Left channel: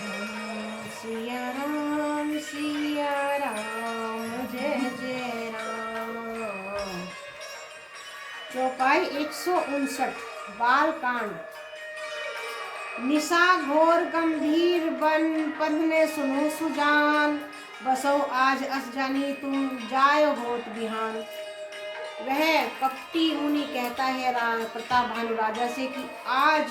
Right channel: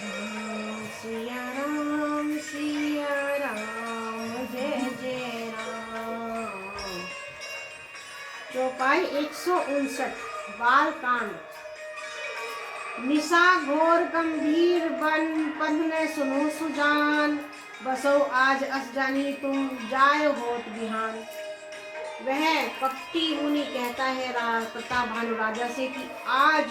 सिया राम जय जय राम। चौपाई 159 बालकांड। निशा घोर गंभीर बन पंथ ने सुनो सुजान, बसो आज अस जानी तुम जाय होत बिहान। वह कपटी मुनि कहता है प्रताप भानु राजा से कि आज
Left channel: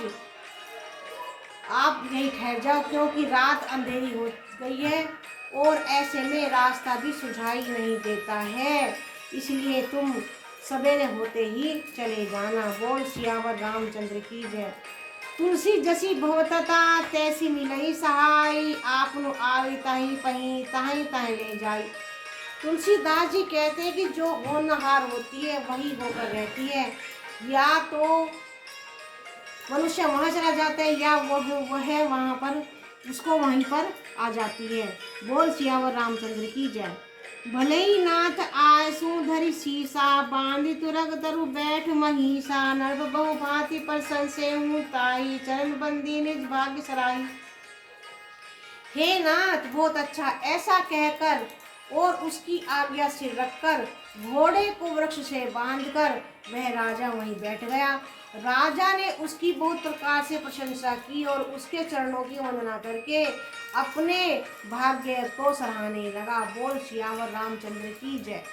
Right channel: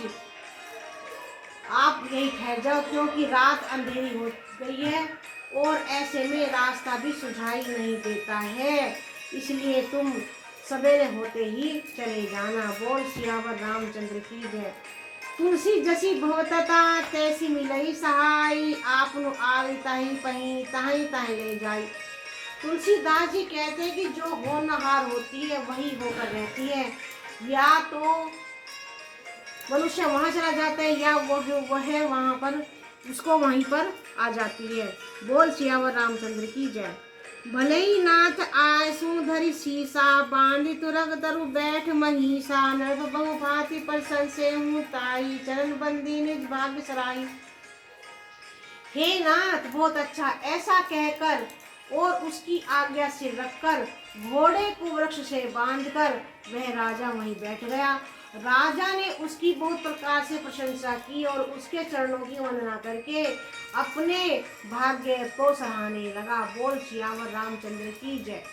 आप यहीं ठहर जाओ, क्योंकि रात अंधेरी हो गई है और ऐसे में रास्ता भी सुझाई नहीं देता है, इसलिए तुम सवेरे होते ही चले जाना। बोल सियावर रामचंद्र की जय। तुलसी जसी भवतता तैसी मिलई सहाय, आपनु आवी ताही पही ताही ताही ले जाई। तुलसीदास जी कहते हैं कि जो होनहार होती है वही होकर रहती है, या तो मनुष्य वहां चला जाता है या वह वहां पर उसको वहीं पर आ जाती है। बोल सियावर रामचंद्र की जय। भले ही नाथ आयसु धरि सीसा, बांधि तुरग तरु बैठ महिषा। नर्भ बहु भांति पर संशय हूँ ताई, चरण बंदी निज भाग्य सराही। हे नाथ बहुत अच्छा, ऐसा कहकर और उसकी आज्ञा से रखकर घोड़े को वृक्ष से बांधकर वह राजा वहीं बैठ गया। राजा ने उसकी बहुत प्रकार से प्रशंसा की और उसके चरणों की वंदना करके अपने भाग्य को सराहने लगा। बोल सियावर रामचंद्र की जय।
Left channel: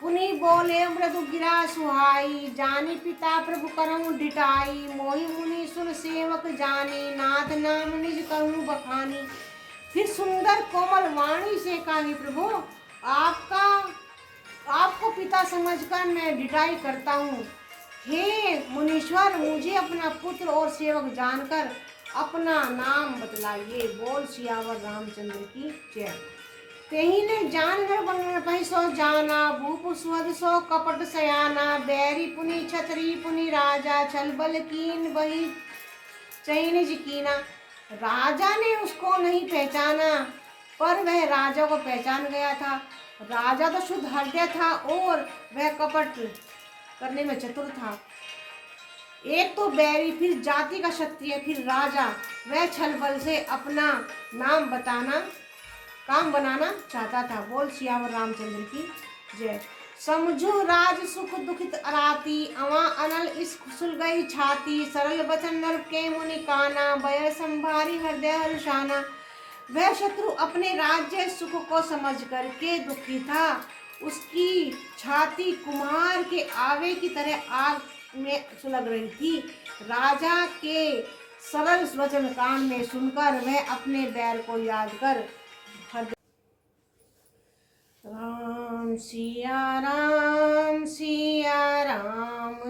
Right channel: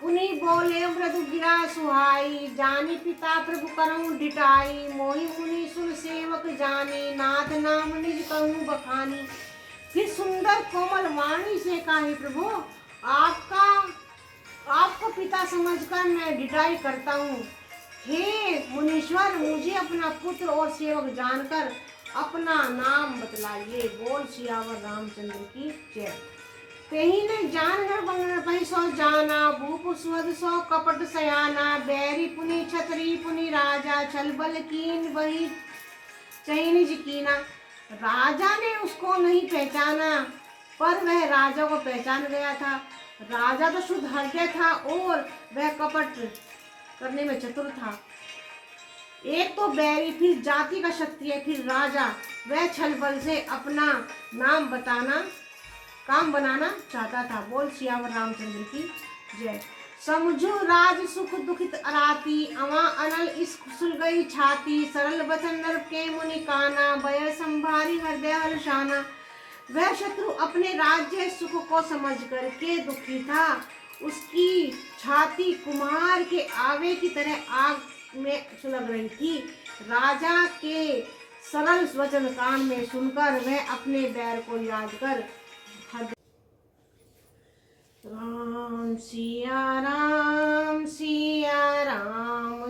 पुनि बोले मृदु गिरा सुहाई, जानी पिता प्रभु करऊं डिटाई। मोहि मुनि सुन सेवक जाने, नाथ नाम निज कहूं बखानी। फिर सुंदर कोमल वाणी से कहा, प्रभु आपको पिता समझकर मैं डिटाई करता हूँ। हे मुनीश्वर, मुझे अपना पुत्र और सेवक जानकर अपना नाम बतलाइए। बोल सियावर रामचंद्र की जय। तेही ने जान नर बन पहि सो जाना, भूप सुहद सो कपट सयाना। बैरी पुनि छतरी पुनि राजा, छल बल कीन वही चैन कीना। राजा ने उसको नहीं पहचाना, पर वह राजा को पहचान गया था। राजा तो शुद्ध हृदय था और वह कपट करने में चतुर था। एक तो बैरी, फिर जाति का क्षत्रिय, फिर राजा। वह छल बल से अपना नाम काम बनाना चाहता था। बोल सियावर रामचंद्र की जय। समझो राज सुख दुखित अराती, अवा अनल इस सुल गई छाती। सरल बचन नर के मुनि काना, भय संभारी हृदय हर्षाना। वह शत्रु अपने राज्य सुख को समझ करके दुखी था। उसकी छाती कुम्हार के आवे की तरह आग में सुलग रही थी। राजा के सरल वचन कान में सुनकर वह अपने बैर को याद कर राम सिया राम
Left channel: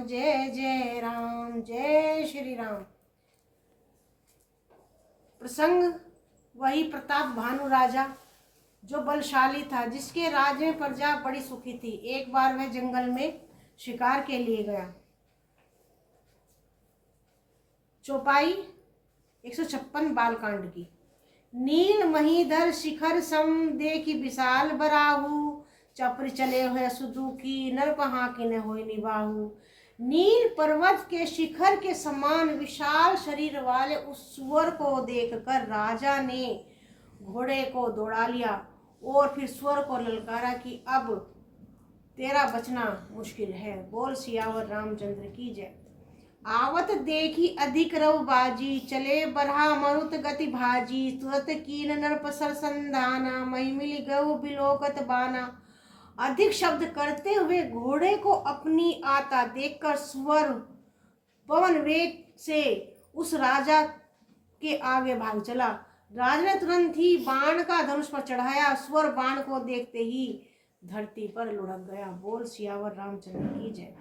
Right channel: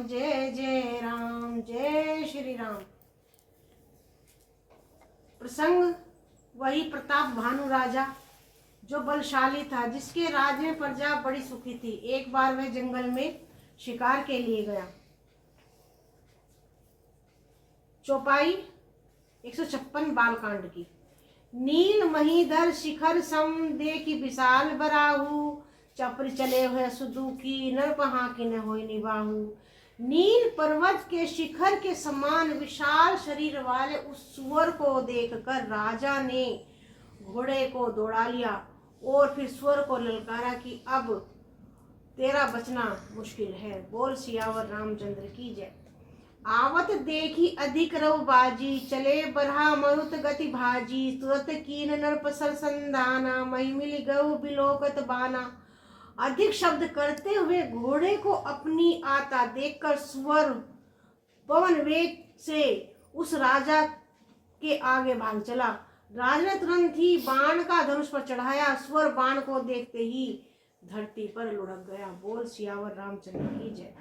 जय जय राम, जय श्री राम। प्रसंग वही प्रताप भानु राजा जो बलशाली था, जिसके राज्य में प्रजा बड़ी सुखी थी। एक बार वह जंगल में शिकार के लिए गया। चौपाई 156 बालकांड की। नील महीधर शिखर सम देखी विशाल बराहु, चप्र चले हुए सुदुखी नर कहाँ के न होय निबाहु। नील पर्वत के शिखर के समान विशाल शरीर वाले उस सुअर को देखकर राजा ने घोड़े को दौड़ा लिया और फिर सुअर को ललकारा कि अब तेरा बचना मुश्किल है। बोल सियावर रामचंद्र की जय। आवत देखी अधिक रव बाजी, चले बरहा मरुत गति भाजी। तुरत कीन नरप सर संधाना, मही मिली गऊ बिलोकत बाना। अधिक शब्द करते हुए घोड़े को अपनी आता देखकर सुअर पवन वेग से उस राजा के आगे भाग चला। राजा ने तुरंत ही बाण का धनुष पर चढ़ाया। सुअर बाण को देखते ही धरती पर लुढ़क गया। बोल सियावर रामचंद्र की जय।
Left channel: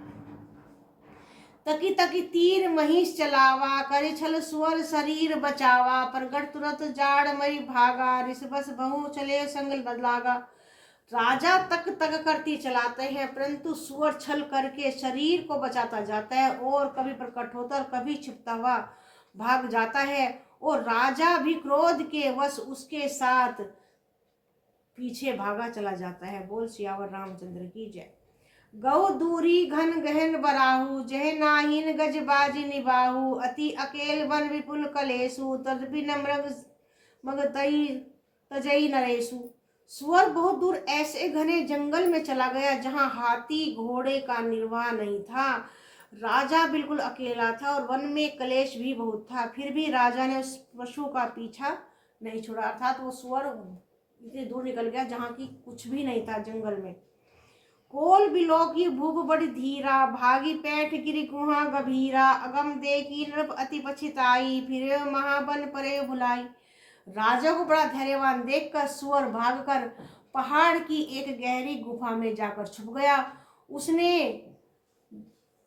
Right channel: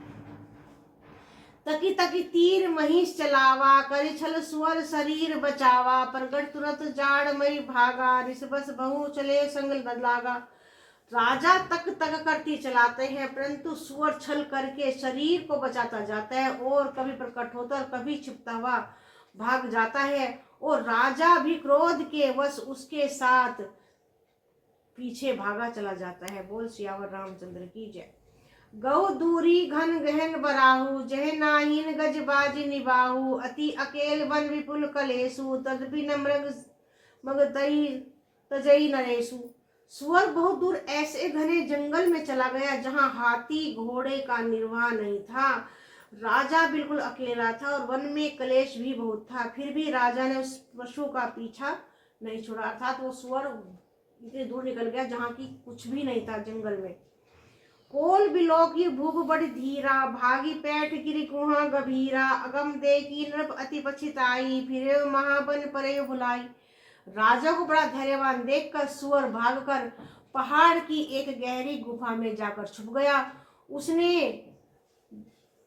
तकी तकी तीर महिष चलावा, करे छल सुअर शरीर बचावा। प्रगट तुरंत जाड़ मई भागा, ऋषभस बहु चले संग लागा। राजा तक तक करती चलाते हैं, परंतु सुअर छल करके शरीर को बचाता जाता है और कभी प्रकट होता और कभी छिपता हुआ भाग जाता है। और राजा भी क्रोध के वश उसके साथ पीछे भागा चला जाता है। बोल सियावर रामचंद्र की जय। गौ दूरी घन गहन बराहु, जह नाहिन गज बाजी निबाहु। अति अकेल वन विपुल कलेसु, तदपि न मगर तई तजई नरेशु। सुअर बहुत दूर ऐसे घने जंगल में चला गया जहां हाथी घोड़े का निर्वाह नहीं था। राजा बिल्कुल अकेला था और वन में कलेश भी बहुत था। फिर भी राजा ने उस पशु का पीछा नहीं छोड़ा। अर्थात वो सुअर इतनी दूर निकल गया जहाँ की कुछ भी नहीं था जंगल में। कोल बिलो की भूख बड़ी धीरा, भागी पैठ गिरी कुहा गभीरा। अगम देखी नृप अति पछिताई, फिरे महाबन परे भुलाई। राजा को बड़ा धैर्यवान देखकर सुअर भागकर पहाड़ की एक गहरी गुफा में जाकर छुप गया। उसने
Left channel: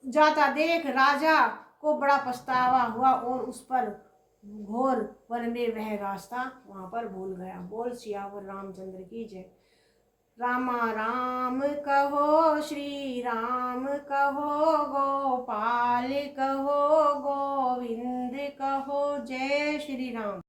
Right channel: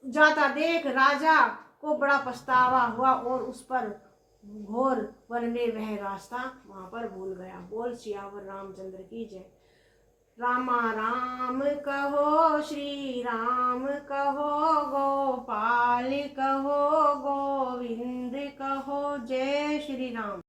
जाता देख राजा को बड़ा पछतावा हुआ और उस पर घोर वन में वह रास्ता वहां पर भूल गया। बोल सियावर रामचंद्र की जय। रामा राम कहो, श्री राम कहो, गोपाल कहो, गोविंद कहो। जय श्री राम।